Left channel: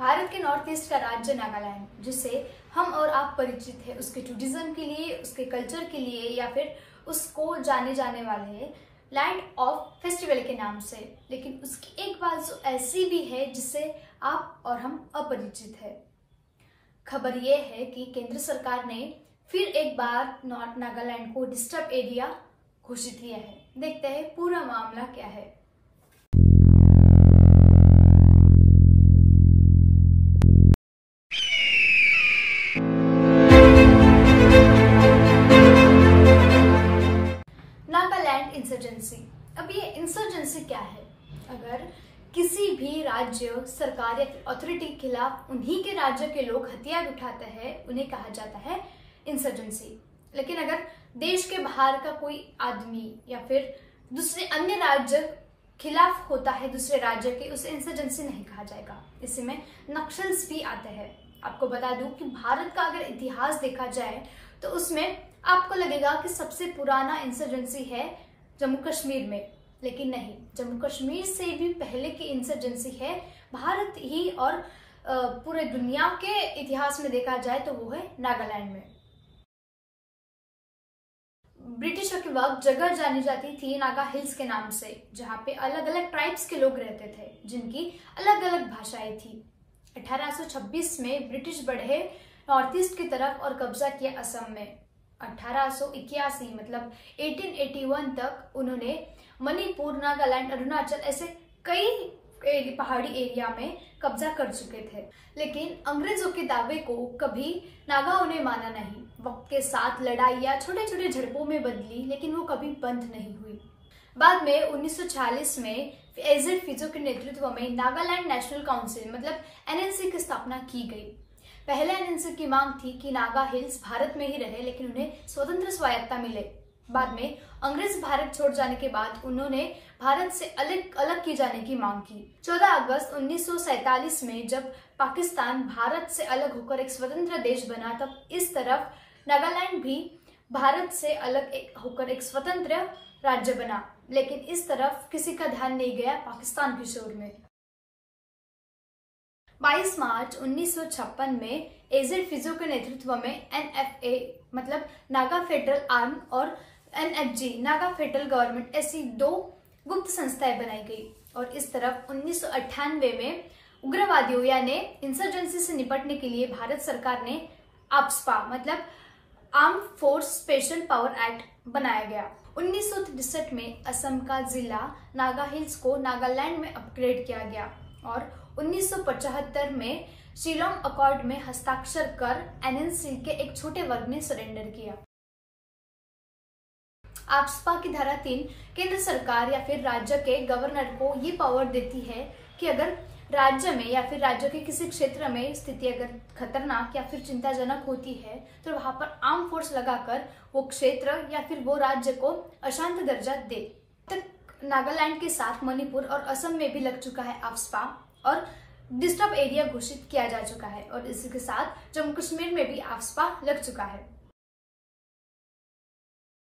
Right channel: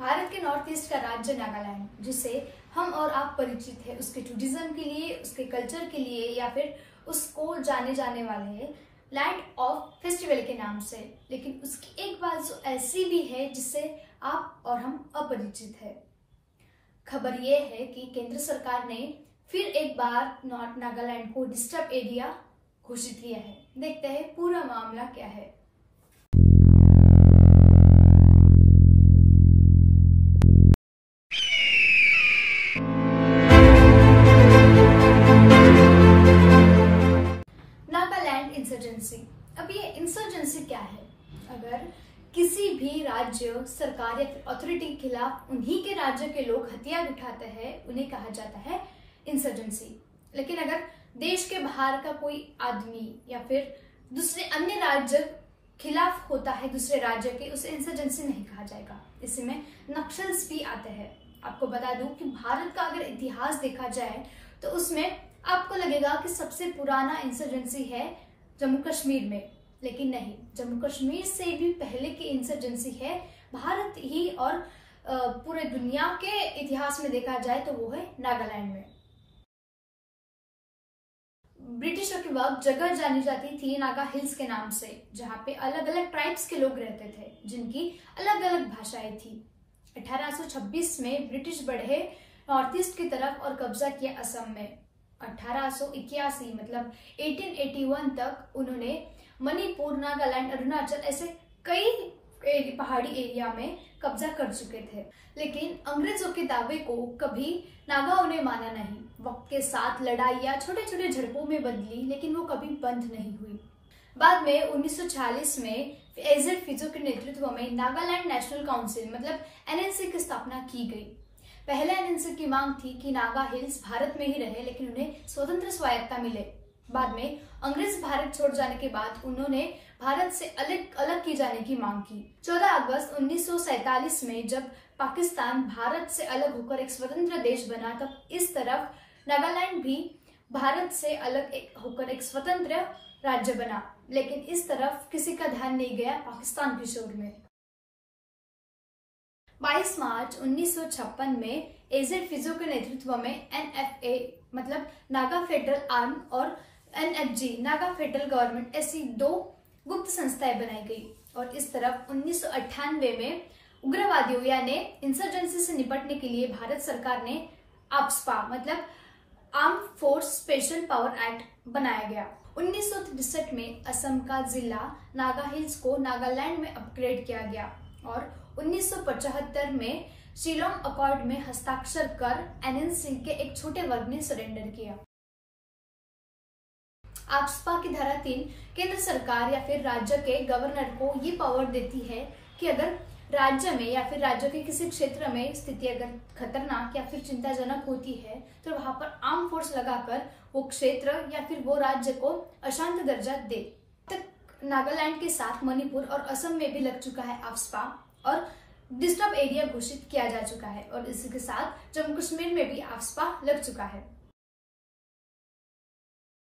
भारत के north east का राज्य नागालैंड, जिसे हम और आप परिचित है उसके टूरिज्म के लिए, उसके कल्चर के लिए, या फिर उसको जाने जाने वाले लैंड ऑफ फेस्टिवल के नाम से। लेकिन उसकी एक बात जो ऐसी भी है जिससे आप और हम अपरिचित है। खबर यह है कि केंद्र सरकार ने फिर एक बार नॉर्थ नागालैंड को डिस्टर्ब एरिया घोषित किया है। देखते हैं पूरा मामला क्या है। नागालैंड इंसर्जेंसी। अब ये इंसर्जेंसी क्या है? अगर किसी भी राज्य सरकार या अथॉरिटी के खिलाफ उन्हीं के राज्य के लोग हथियार उठाते हैं, उन्हें कहा जाता है इंसर्जेंसी। लेकिन अगर देश के बाहर का कोई आदमी या फिर दूसरे अन्य राज्य खिलाफ होता है दूसरे राज्य के, उसे इंसर्जेंसी नहीं कहा जाएगा। इसी में नक्सल्स भी आते हैं। आपको बता दूं कि भारत का अगर इतिहास देखा जाए तो उसमें आपको लगेगा कि सबसे पुराना इंसर्जेंसी है जम्मू कश्मीर में, लेकिन नहीं, जम्मू कश्मीर से भी पहले की इंसर्जेंसी है भारत ही, और पूरे दुनिया के इतिहास में देखा जाए तो वो है नागालैंड में। ब्रिटिशों के वक्त जगह जानी जाती थी नागा हिल्स के नाम से, जहां पे अलग अलग ट्राइब्स के लोग रहते थे जिनकी अलग अलग भाषाएं थी। 1826 में ब्रिटिश बढ़े नॉर्थ ईस्ट की तरफ और कब्जा किया असम में। 1881 मतलब 1881 तक उन्होंने मणिपुर, नागालैंड, अरुणाचल ऐसे कई पहाड़ी एरिया में कब्जा कर चुके थे। लेकिन अंग्रेजों के दावे को कभी नागाओं ने माना नहीं। वक्त के साथ लड़ाइयां छोटे छोटे झड़पों में बदली, लेकिन वो कभी बंद नहीं हुई। बाद में 1946 में एजेड फिजो के नेतृत्व में नागालैंड नेशनल काउंसिल मतलब एनएनसी की स्थापना की गई। पहले एनएनसी की मांग थी कि नागा हिल्स भारत में ही रहे, लेकिन उन्हें स्वतंत्र स्वायत्ता मिले। बाद में अंग्रेज भारत छोड़ जाने के बाद उन्होंने भारत से अलग की जाने की मांग की। 14 अगस्त 1947 में जब पाकिस्तान भारत से अलग होकर एक स्वतंत्र देश बना, तब इस तरफ नागालैंड भी भारत से अलग होकर एक स्वतंत्र राज्य बना। लेकिन इस तरफ किसी का ध्यान नहीं गया पाकिस्तान की शोर में। 22 मार्च 1956 में एजेड फिजो के नेतृत्व में एनएफए मतलब नागा फेडरल आर्म और एनएफजी नागा फेडरल गवर्नमेंट ऐसी दो गुप्त संस्थाएं बनाई गई। और इस तरफ 1998 में उग्रवादियों यानी इंसर्जेंसी से निपटने के लिए भारत सरकार ने आप्सपा मतलब arm force special power act बनाया गया। 1963 में असम का जिला नागा हिल्स को नागालैंड में अपग्रेड किया गया और 1975 में शिलोंग अकॉर्ड में हस्ताक्षर कर एनएनसी के एक छोटे वर्ग ने सरेंडर किया। आप्सपा की धारा 3 केंद्र सरकार या फिर राज्य के गवर्नर को ये पावर देती है कि अगर राज्य में या फिर राज्य के किसी क्षेत्र में स्थिति अगर खतरनाक या फिर चिंताजनक होती है तो वहां पर आर्म फोर्स लगाकर वो क्षेत्र या फिर वो राज्य को अशांत दर्जा दे। तक नागालैंड के साथ मणिपुर और असम में भी लग चुका है आप्सपा और डिस्टर्ब एरिया घोषित किया जा चुका है, और इसी के साथ जम्मू कश्मीर में भी आप्सपा लग चुका है।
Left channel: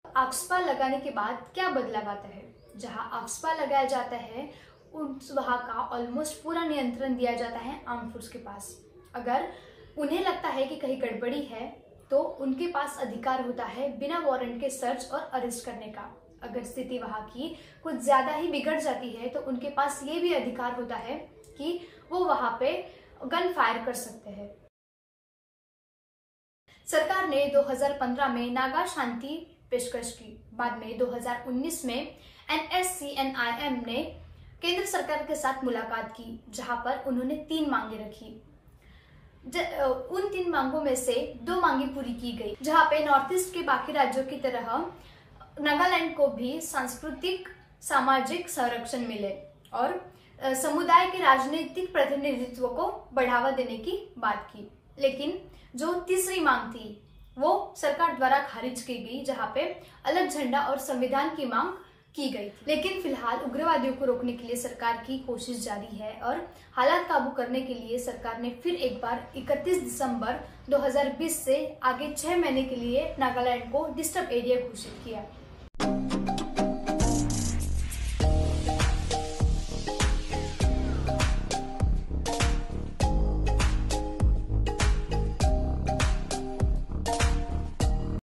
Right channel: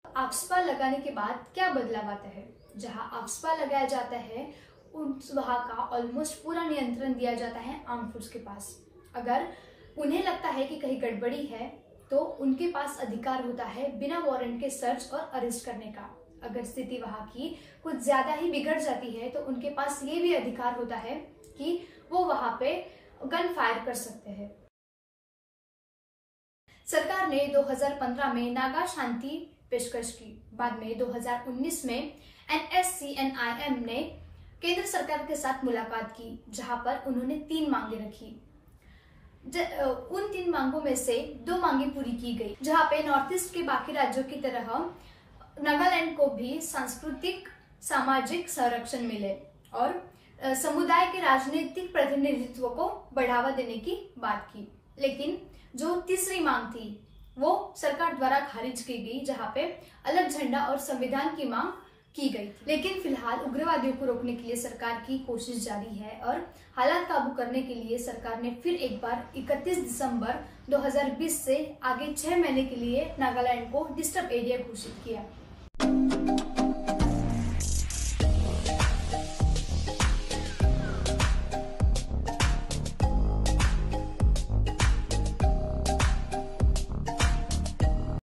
आप्सपा लगाने के बाद क्या बदलाव आता है? जहां आप्सपा लगाया जाता है उस वहां का ऑलमोस्ट पूरा नियंत्रण दिया जाता है आर्म फोर्स के पास। अगर उन्हें लगता है कि कहीं गड़बड़ी है तो उनके पास अधिकार होता है बिना वारंट के सर्च और अरेस्ट करने का। अगर स्थिति वहां की कुछ ज्यादा ही बिगड़ जाती है तो उनके पास ये भी अधिकार होता है कि वो वहां पे गन फायर कर सकते हैं। सरकार ने 2015 में नागा शांति पेशकश की। बाद में 2019 में एनएससीएनआईएम ने केंद्र सरकार के साथ मुलाकात की, जहां पर उन्होंने 3 मांगे रखी। उन 3 मांगों में से 2 मांगे पूरी की गई, जहां पे नॉर्थ ईस्ट के बाकी राज्यों की तरह नागालैंड को भी सांस्कृतिक सामाजिक संरक्षण मिले और समुदाय के राजनीतिक प्रतिनिधित्व को बढ़ावा देने की बात की। लेकिन जो तीसरी मांग थी वो सरकार द्वारा खारिज की गई, जहां पे अलग झंडा और संविधान की मांग की गई थी। लेकिन फिलहाल उग्रवादियों को रोकने के लिए सरकार की कोशिश जारी है और हालात काबू करने के लिए सरकार ने फिर एक बार 31 दिसंबर 2020 से आगे 6 महीने के लिए नागालैंड को डिस्टर्ब एरिया घोषित किया।